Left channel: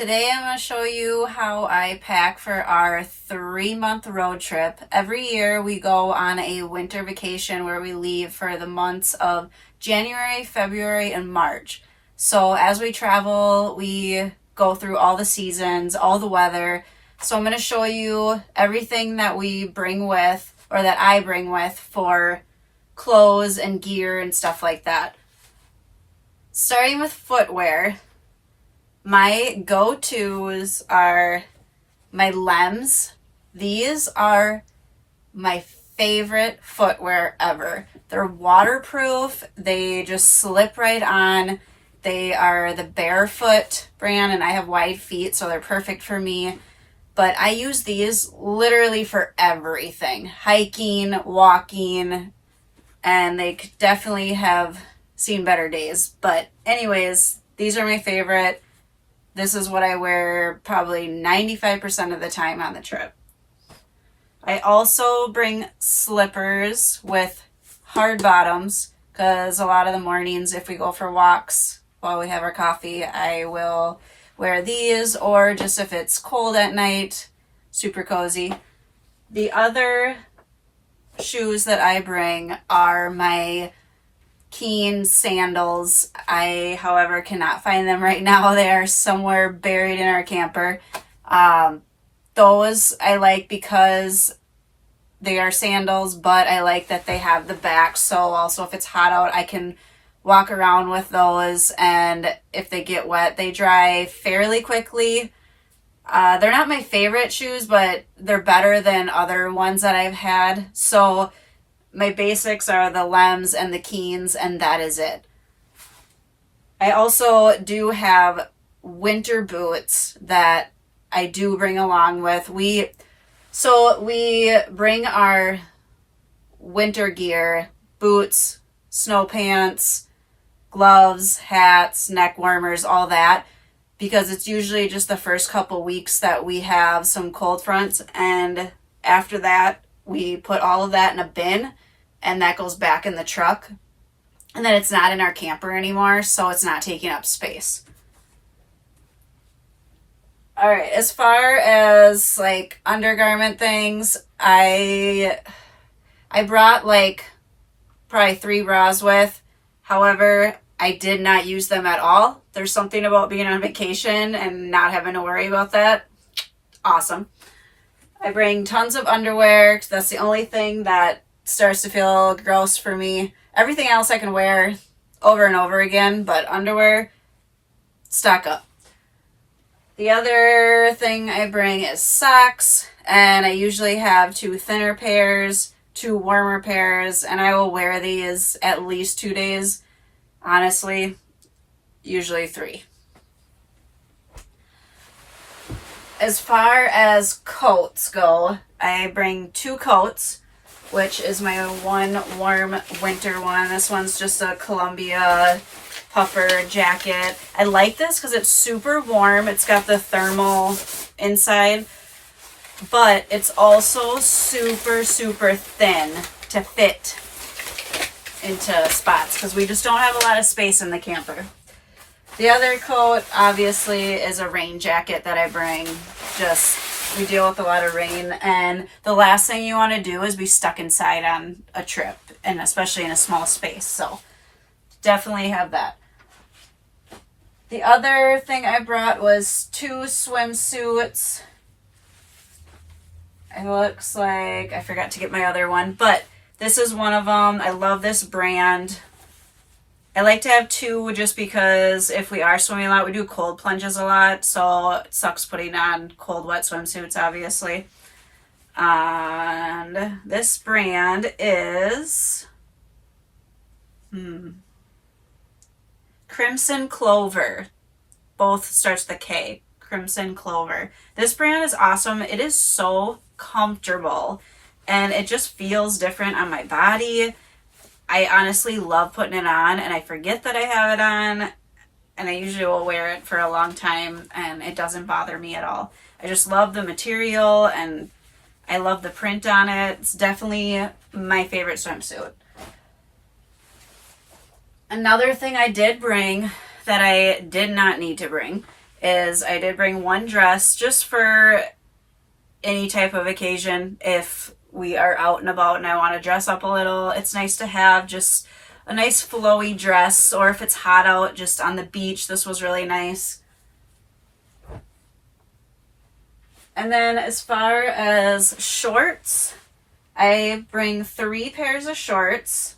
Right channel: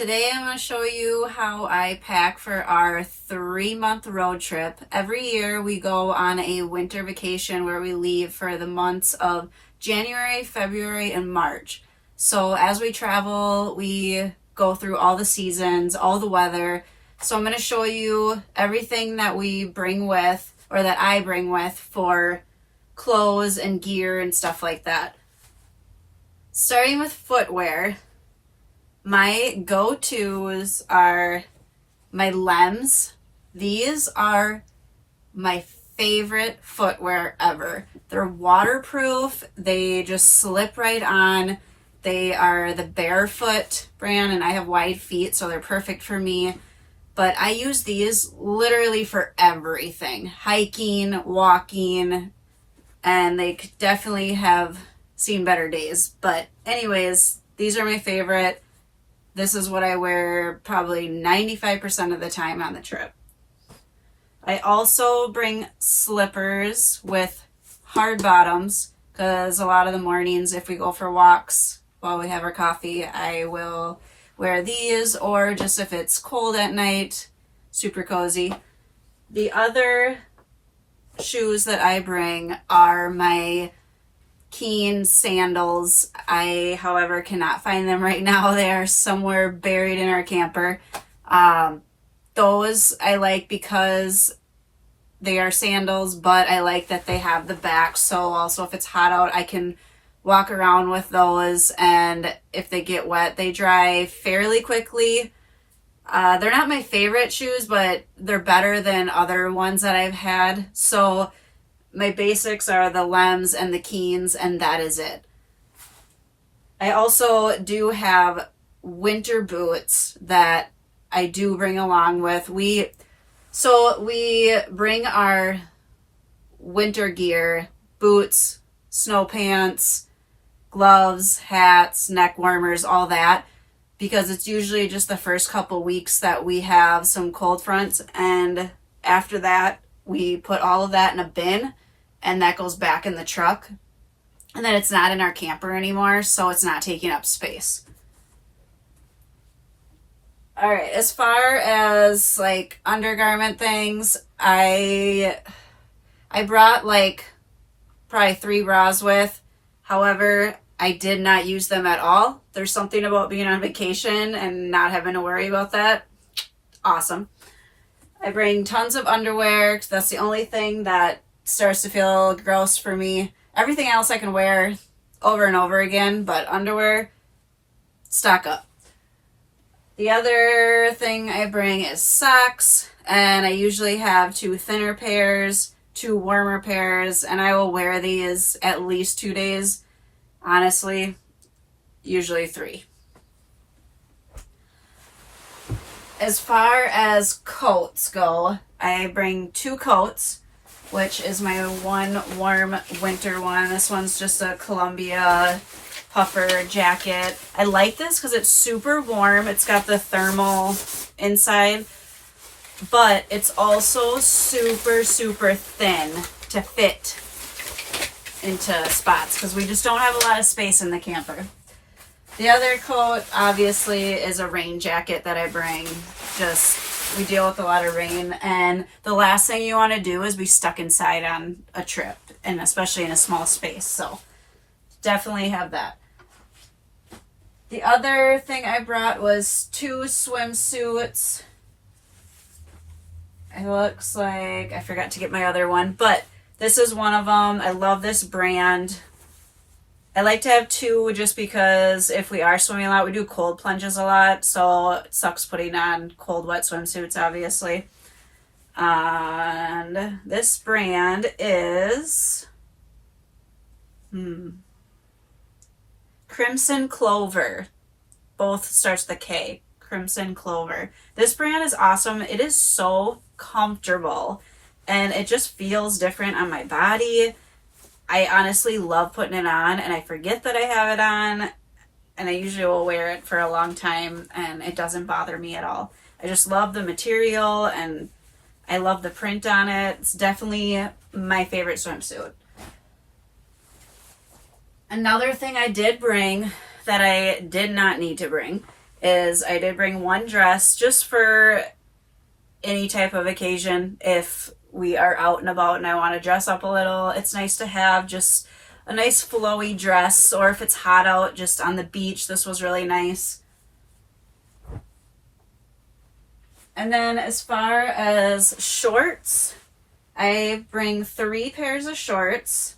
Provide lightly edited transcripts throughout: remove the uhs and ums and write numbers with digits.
Today I'm going to show you how I pack for our 3-month road trip. Every year we go on a winter vacation where we leave for the months of January, February, and March. So as we travel, we go through all the seasons, all the weather. So I'm going to show you everything that we bring with, or that I bring with for clothes and gear and stuff like that. Starting with footwear. My go-tos are my Lems. These are my favorite footwear ever. They're waterproof. They just slip right on. They are the Barefoot brand, and I have wide feet, so they're perfect for me. But I use these literally for everything. Hiking, walking, and they could definitely have seen better days. But anyways, these are my favorite. This is what I wear probably 95% of the time on the trip. I also bring slippers with hard bottoms because a lot of the mornings, if we go for walks while we have our coffee, I will wear these, or just if it's cold at night, super cozy. The other shoes that I bring are my Keen sandals. I, however, cannot find them right now. They are somewhere buried in our camper. Those I like because they are sandals, but I like that they have the back, so also if it's hot out, I can walk around with those, and if they get wet, they dry fairly quickly. They're not my favorite shoes, but they're better than other ones that I've had. So my basics are the Lems and the Keens, and that is it. I also do have winter boots that I do bring along with. We bring our winter gear, boots, snow pants, gloves, hats, neck warmers, all that, because it's usually just the first couple weeks that we have some cold fronts, and after that we put all of that in a bin, and that goes back in the truck, and then it's not in our camper anymore, so it's not taking up space. All right, as far as like undergarment things, I brought like probably 3 bras with. However, I did not use them at all. There's something about being on vacation and not having to worry about that. Awesome. I bring tons of underwear, 'cause that's the only thing that starts to feel gross for me. Everything else I can wear over and over again, but underwear, stock up. The other thing I bring is socks, and I usually have 2 thinner pairs, 2 warmer pairs, and I will wear these at least 2 days. Honestly, usually 3. As far as coats go, I bring 2 coats, which is my one warm winter one. This one's just a Columbia puffer jacket. I like this because it's super warm. It's got the thermal inside, but it's also super, super thin to fit into spots because we just don't have a lot of space in the camper. The other coat, obviously, is a rain jacket that I bring. We deal with a lot of rain, and the last thing you want to do is be stuck inside on a trip, and especially in a small space, so definitely have that. The other thing I brought was 2 swimsuits. It looks like I forgot to get my other one, but this is one of them. I love this brand. I like to have 2 just because if we are swimming a lot, we do cold plunges a lot, so it sucks putting on cold, wet swimsuits, obviously. And this brand is Crimson Clover. Both starts with a K. Crimson Clover. This brand is awesome. It is so comfortable, and it just feels different on my body. I honestly love putting it on, and I forget that I have it on, and I usually will wear it for a long time, and it doesn't bother me at all. I just love the material, and I love the print on it. It's definitely my favorite swimsuit. Another thing I did bring that I did not need to bring is I did bring one dress just for any type of occasion. If we are out and about and I want to dress up a little, it's nice to have just a nice flowy dress, or if it's hot out just on the beach, this was really nice. And then as far as shorts, I bring 3 pairs of shorts.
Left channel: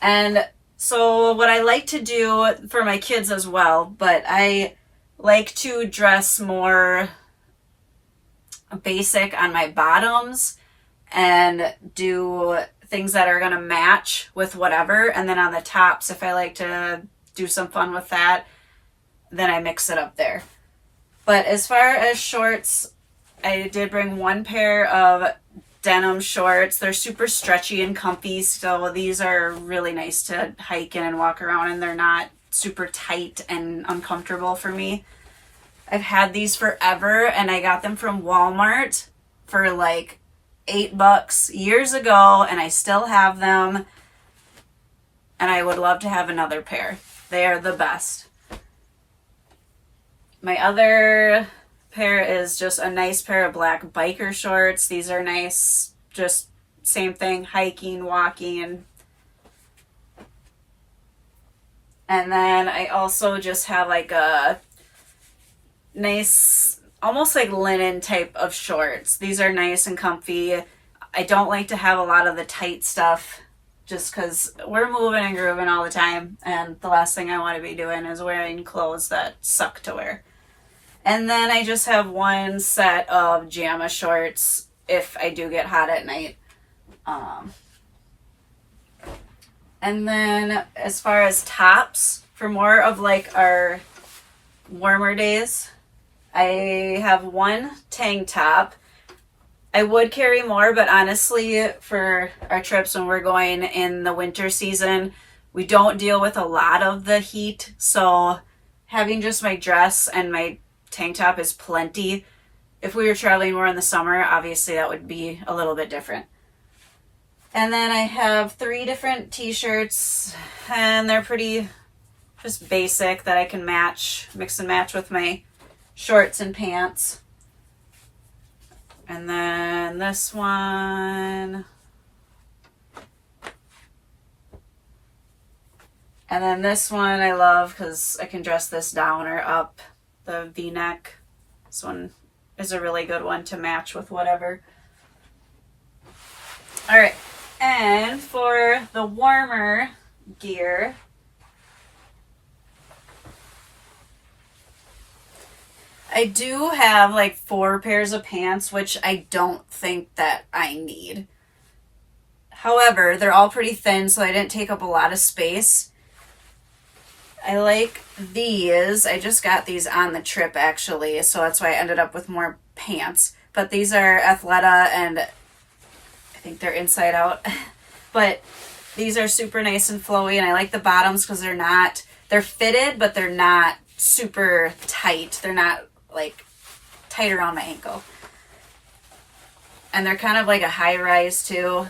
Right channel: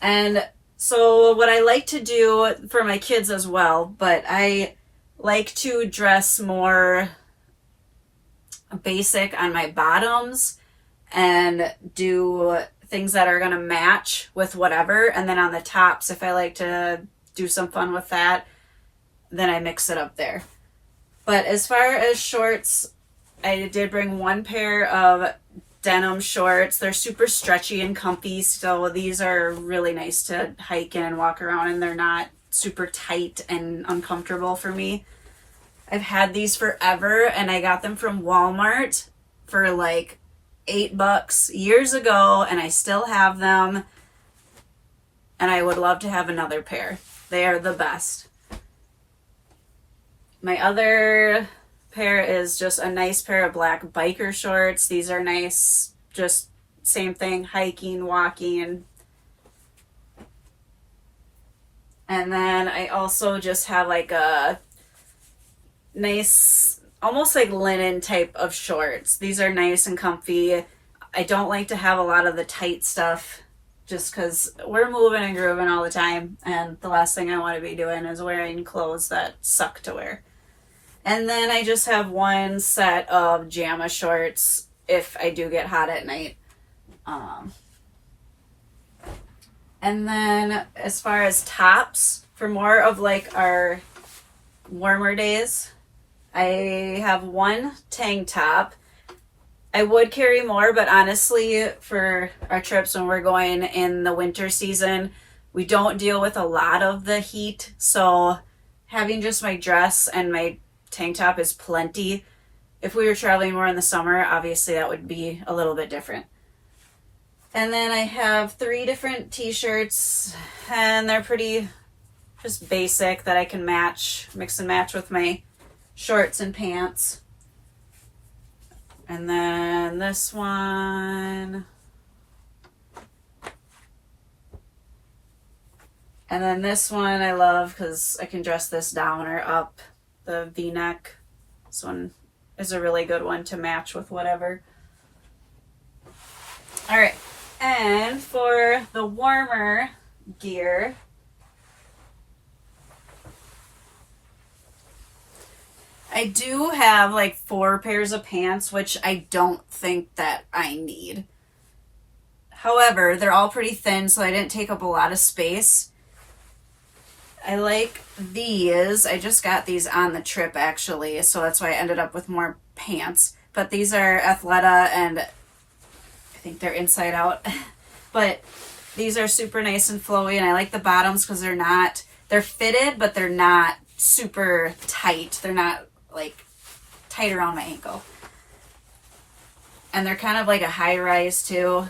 And so what I like to do for my kids as well, but I like to dress more basic on my bottoms and do things that are going to match with whatever. And then on the tops, if I like to do some fun with that, then I mix it up there. But as far as shorts, I did bring 1 pair of denim shorts. They're super stretchy and comfy, so these are really nice to hike in and walk around, and they're not super tight and uncomfortable for me. I've had these forever, and I got them from Walmart for like $8 years ago, and I still have them, and I would love to have another pair. They are the best. My other pair is just a nice pair of black biker shorts. These are nice, just same thing, hiking, walking. And then I also just have like a nice, almost like linen type of shorts. These are nice and comfy. I don't like to have a lot of the tight stuff just because we're moving and grooving all the time, and the last thing I want to be doing is wearing clothes that suck to wear. And then I just have 1 set of JAMA shorts if I do get hot at night. And then as far as tops, for more of like our warmer days, I have 1 tank top. I would carry more, but honestly, for our trips when we're going in the winter season, we don't deal with a lot of the heat. So having just my dress and my tank top is plenty. If we were traveling more in the summer, obviously that would be a little bit different. And then I have 3 different t-shirts, and they're pretty just basic that I can mix and match with my shorts and pants. And then this one. And then this one I love because I can dress this down or up, the V-neck. This one is a really good one to match with whatever. All right, and for the warmer gear, I do have like 4 pairs of pants, which I don't think that I need. However, they're all pretty thin, so they didn't take up a lot of space. I like these. I just got these on the trip actually, so that's why I ended up with more pants. But these are Athleta, and I think they're inside out. But these are super nice and flowy, and I like the bottoms because they're fitted, but they're not super tight. They're not like tight around my ankle. And they're kind of like a high rise too.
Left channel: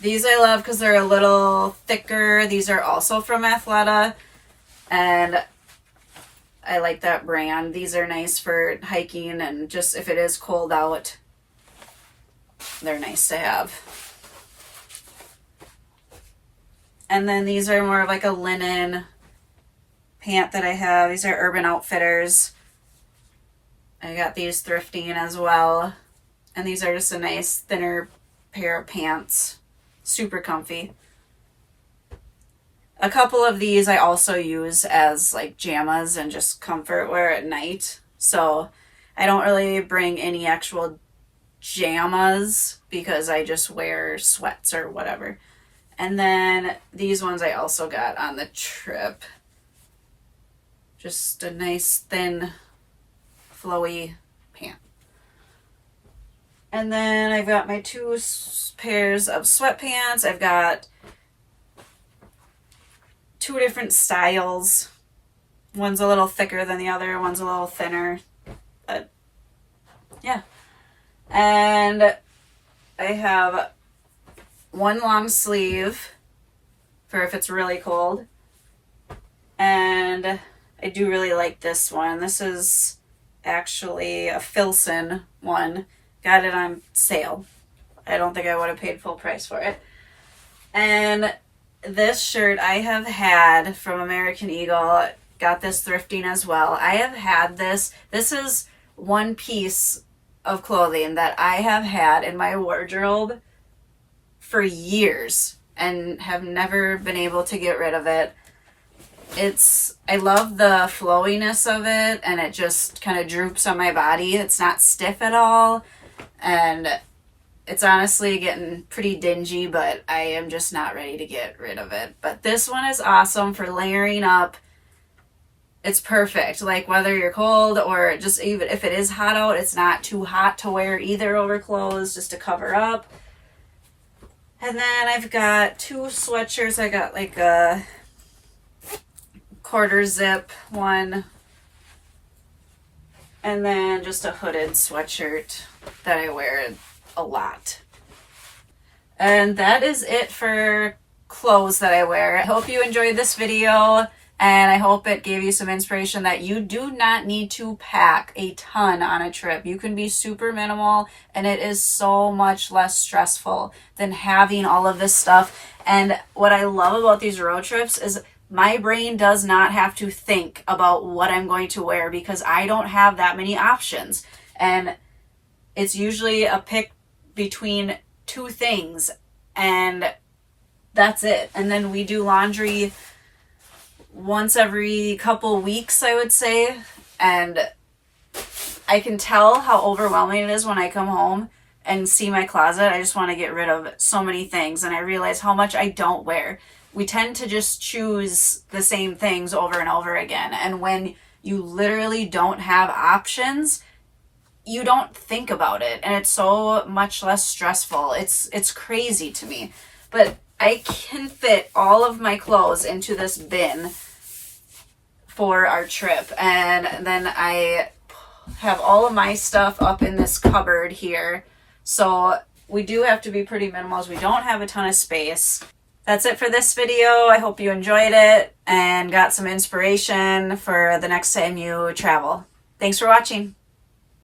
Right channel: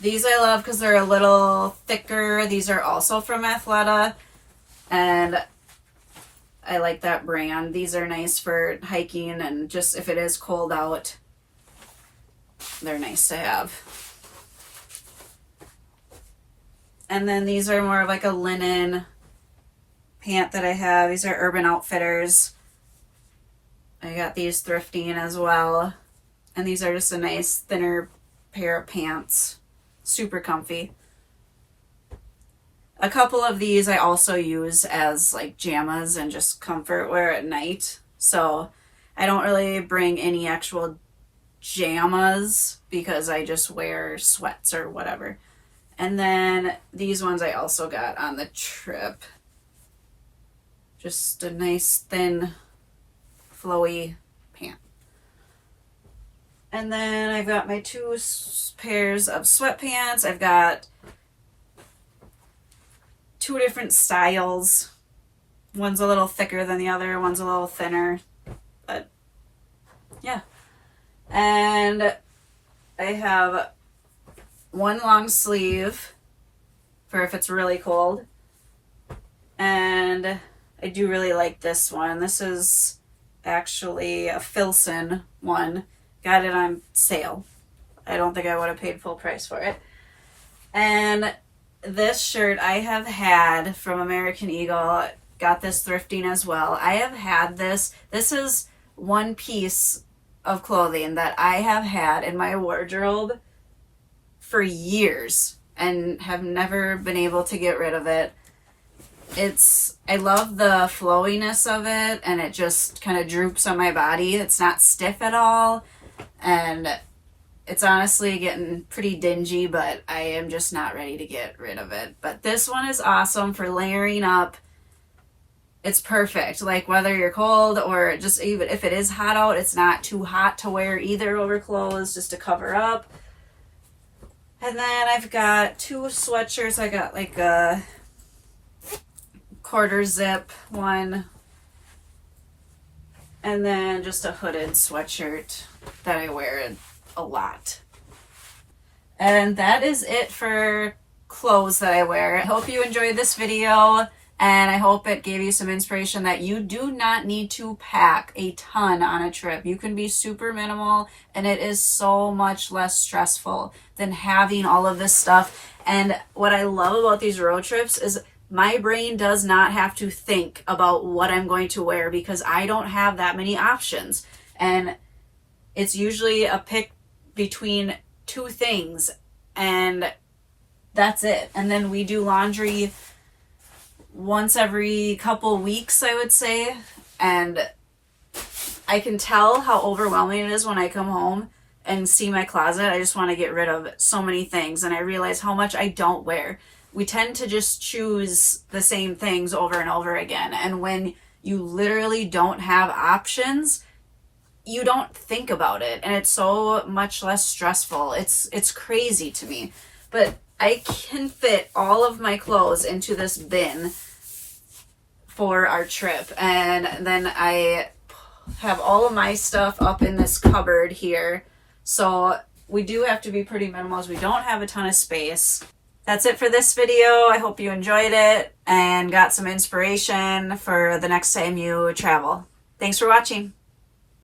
These I love because they're a little thicker. These are also from Athleta, and I like that brand. These are nice for hiking, and just if it is cold out, they're nice to have. And then these are more of like a linen pant that I have. These are Urban Outfitters. I got these thrifting as well. And these are just a nice thinner pair of pants. Super comfy. A couple of these I also use as like JAMAs and just comfort wear at night. So I don't really bring any actual JAMAs because I just wear sweats or whatever. And then these ones I also got on the trip. Just a nice thin flowy pant. And then I've got my 2 pairs of sweatpants. I've got 2 different styles. One's a little thicker than the other, one's a little thinner. But yeah. And I have 1 long sleeve for if it's really cold. I do really like this one. This is actually a Filson one. Got it on sale. I don't think I would have paid full price for it. And this shirt I have had from American Eagle. Got this thrifting as well. I have had this. This is one piece of clothing that I have had in my wardrobe for years and have never been able to get rid of it. I love the flowiness of it, and it just kind of droops on my body. It's not stiff at all, and it's honestly getting pretty dingy, but I am just not ready to get rid of it. But this one is awesome for layering up. It's perfect. Like whether you're cold or just even if it is hot out, it's not too hot to wear either over clothes, just to cover up. And then I've got two sweatshirts. I got like a quarter zip one, and then just a hooded sweatshirt that I wear a lot. And that is it for clothes that I wear. I hope you enjoyed this video, and I hope it gave you some inspiration that you do not need to pack a ton on a trip. You can be super minimal, and it is so much less stressful than having all of this stuff. And what I love about these road trips is my brain does not have to think about what I'm going to wear because I don't have that many options. And it's usually a pick between two things, and that's it. And then we do laundry once every couple weeks, I would say. And I can tell how overwhelming it is when I come home and see my closet. I just want to get rid of so many things, and I realize how much I don't wear. We tend to just choose the same things over and over again. And when you literally don't have options, you don't think about it, and it's so much less stressful. It's crazy to me. But I can fit all of my clothes into this bin for our trip, and then I have all of my stuff up in this cupboard here. So we do have to be pretty minimal as we don't have a ton of space. That's it for this video. I hope you enjoyed it and got some inspiration for the next time you travel. Thanks for watching.